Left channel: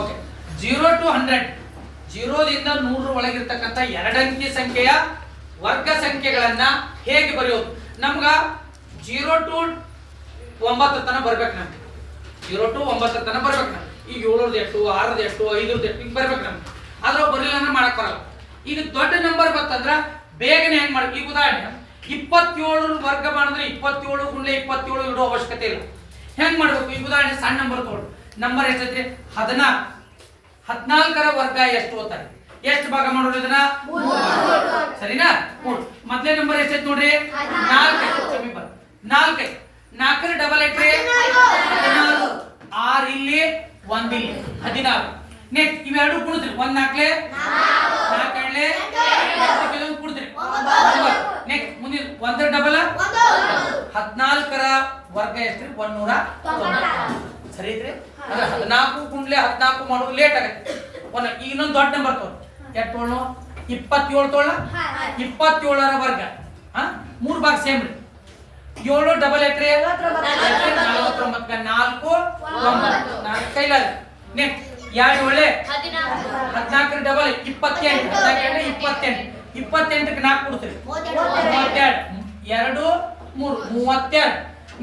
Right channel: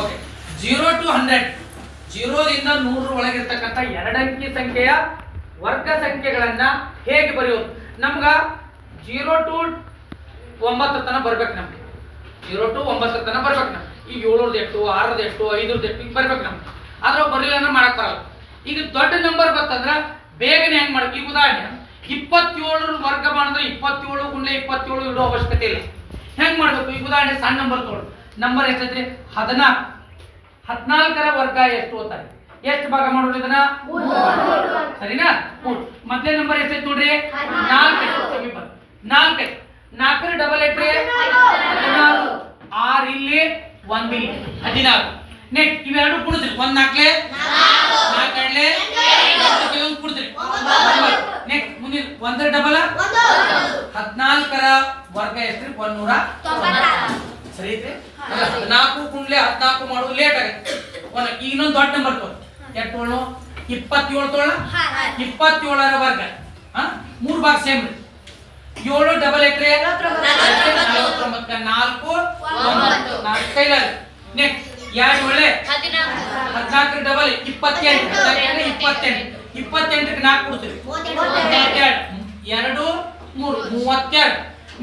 okay 0 to 100 0ದಿಂದ 100 ಒಳಗಿರ್ತಕ್ಕಂಥ ಎರಡಂಕಿ ಸಂಖ್ಯೆಯ ವರ್ಗ ಸಂಖ್ಯೆಗಳನ್ನ ಹೇಗೆ ಬರೆಯೋದು ನಮ್ಗ 0 to 9 ತನಕ ಬರ್ಬೇಕು ನಮ್ಗೆ 0 to 9 ತನಕ ಬರ್ಬೇಕು ನಮ್ಗೆ ಈಗ 7ರದ್ದು ಎಷ್ಟು 6ರದ್ದು ಎಷ್ಟು 5ರದ್ದು ಎಷ್ಟು ಈಗ ಬರ್ಬೇಕು ನಮ್ಗೆ ಆದ್ರೆ ಬರಲಿಲ್ಲ ಮಾಡಕ್ ಬರಲ್ಲ ಈಗ ದೊಡ್ಡ ನಂಬರ್ ಬರ್ತಂದ್ರ ಬೇಗನೆ ಹೆಂಗ್ ಮಾಡ್ಬೇಕು ಈಗ ಉದಾಹರಣೆ 27 ವರ್ಗ ಮಾಡಿದ್ರೆ 27 ಗುಂಡ್ಲೆ 27 ಇಡೋ ಅವಶ್ಯಕತೆ ಇಲ್ಲ ಹೆಂಗ್ ಮಾಡ್ಬೇಕು ಈಗ ಉದಾಹರಣೆ ಸಣ್ಣ ನಂಬರ್ ತಗೊಳ್ಳಿ ನಂಬರ್ ಎಷ್ಟೈತ್ರಿ 14 14ರ ವರ್ಗ ಎಷ್ಟು ಅಂತಾರೆ ಎಷ್ಟು ಭಾಗ ಮಾಡೋದು ಇದನ್ನ 3 ಸರಿನಾ 3 ಮೊದಲನೇ ನಂಬರ್ ಎಷ್ಟೈತೆ ನೋಡ್ರಿ 4 4 4ರ ಡಬಲ್ ಎಟ್ರಿ 16 6 ಇಲ್ಲಿ 1 ಇಲ್ಲಿ 16 ನೆಕ್ಸ್ಟ್ ಇವೆರಡು ಕೂಡಿದ್ರಿ 1 4 4 ಎಡ್ಲೆ 8 ಕೂಡಿದ್ರಿ ನೆಕ್ಸ್ಟ್ ಮುಂದಿನ 1ರ ಡಬಲ್ 14ರ ವರ್ಗ ಎಷ್ಟ್ರಿ 190 ಸರಿ ಐತ್ರಿ 14 ಗುಂಡ್ಲೆ 14 ಮಾಡೋದು ಲೇಟ್ ಆಗುತ್ತೆ ಇನ್ನೊಂದು ದೊಡ್ಡ ನಂಬರ್ ತಗೊಳ್ಳಿ ಎಷ್ಟು ತೊಗೊಳ್ಳೋ 27 ತೊಗೊಳ್ಳ 27ರ ವರ್ಗ 3 ಭಾಗ ಸೇಮ್ ರೀ 7 ಡಬಲ್ ಎಟ್ರಿ 49 4 9 ಕೈಲಾರಿ ನೆಕ್ಸ್ಟ್ 2 ಒಳ್ಳೆ 14ರ ಡಬಲ್ 28 28ಕ್ಕೆ 4 ಕೊಡ್ತೀರಿ 32 2 3 32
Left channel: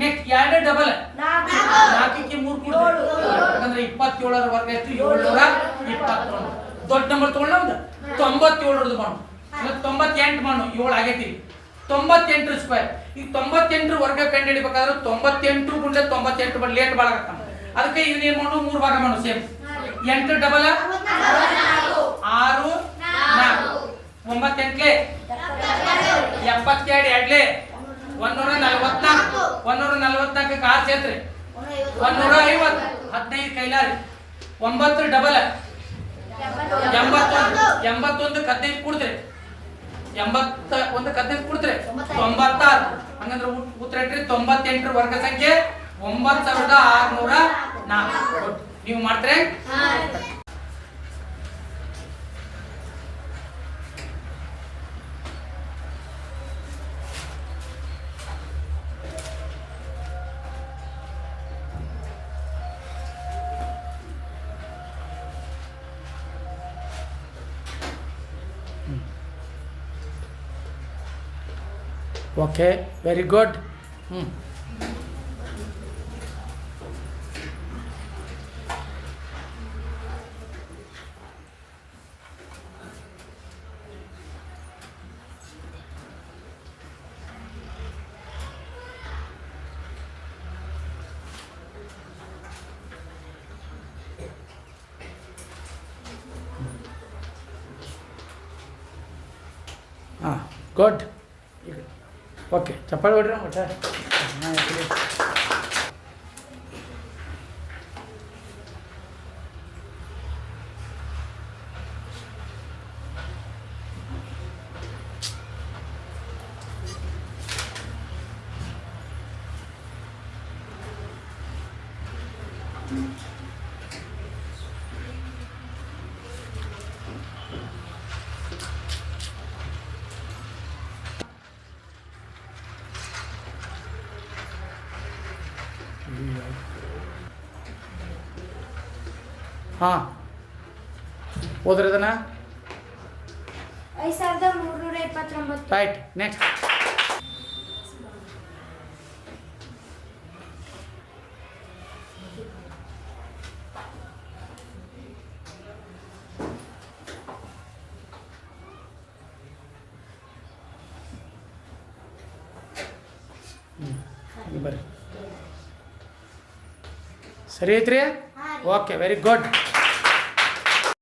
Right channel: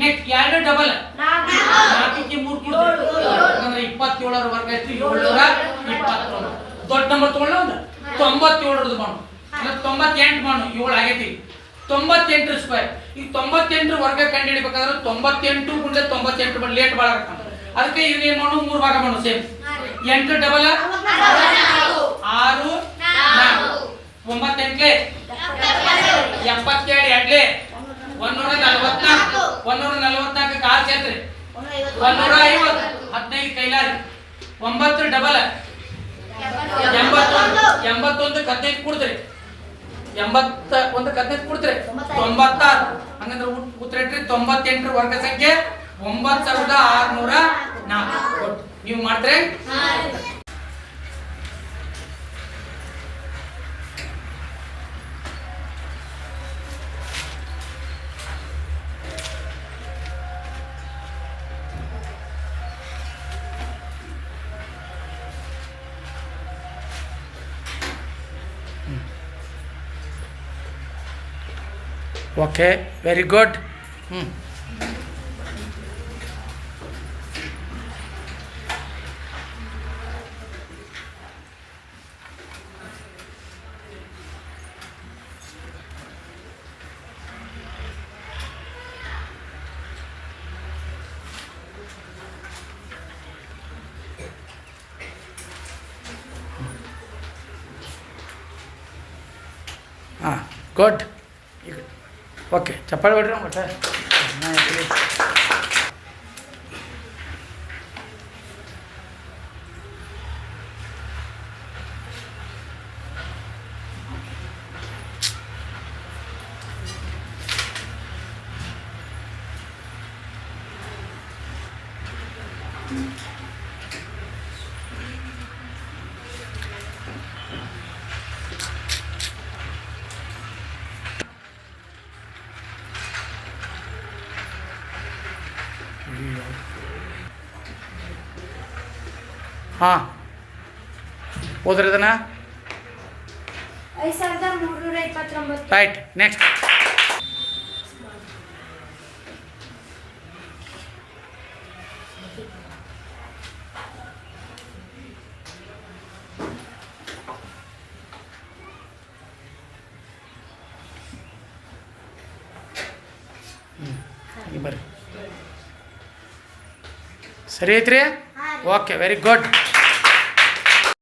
ನೆಕ್ಸ್ಟ್ 2 ಡಬಲ್ 4ಕ್ಕೆ 3 ಕೊಡ್ತೀರಿ ಅಂದ್ರೆ 27ರ ವರ್ಗ ಎಷ್ಟು 721 ದೊಡ್ಡ ನಂಬರ್ ತಗೊಳ್ಳ ಒಂದು 97ರದ್ದು ಮಾಡು 98 ಮಾಡು 7 ಆಗೈತಿ 98 ಸ್ಕ್ವೇರ್ ಈಗ 98 ವರ್ಗ ಕಂಡು ಹಿಡಿಬೇಕಾದ್ರೆ 98 ಗುಂಡ್ಲೆ 98 ಬಟ್ ಲೇಟ್ ಭಾಳ ಆಗ್ತಾನೆ ಅದಕ್ಕೆ ಇದನ್ನ ಏನು ಮಾಡು 3 ಭಾಗ ಮಾಡು ಸೇಮ್ 8 ಡಬಲ್ 6 4 9 8 72 ಎಡ್ಲೆ 144 144 ಕಾರ್ ಸೇತ್ರಿ 150 15 ಕೈಲಾರಿ 9 ಡಬಲ್ 81 15 ಕೊಡ್ತೀರಿ 81 15 ಕೊಡ್ತೀರಿ 96 ಹಂಗಂದ್ರೆ ಉತ್ತರ ಇಟ್ರಿ 98ರ ವರ್ಗ ಸಂಖ್ಯೆ 9604 ನೀವು ಮಾಡ್ತೀರಿ okay very good good okay ಚಪ್ಪಾಳೆ ಹೊಡ್ರಿ ಒಟ್ಟು ಹಾಂ ಓದ್ರಿ ಅದನ್ನ 5329 ರೈಟ್ ನೆಕ್ಸ್ಟ್ ಬರ್ರಿ ಸರಿ ಐತ್ರಿ ಓಕೆ ವೆರಿ ಗುಡ್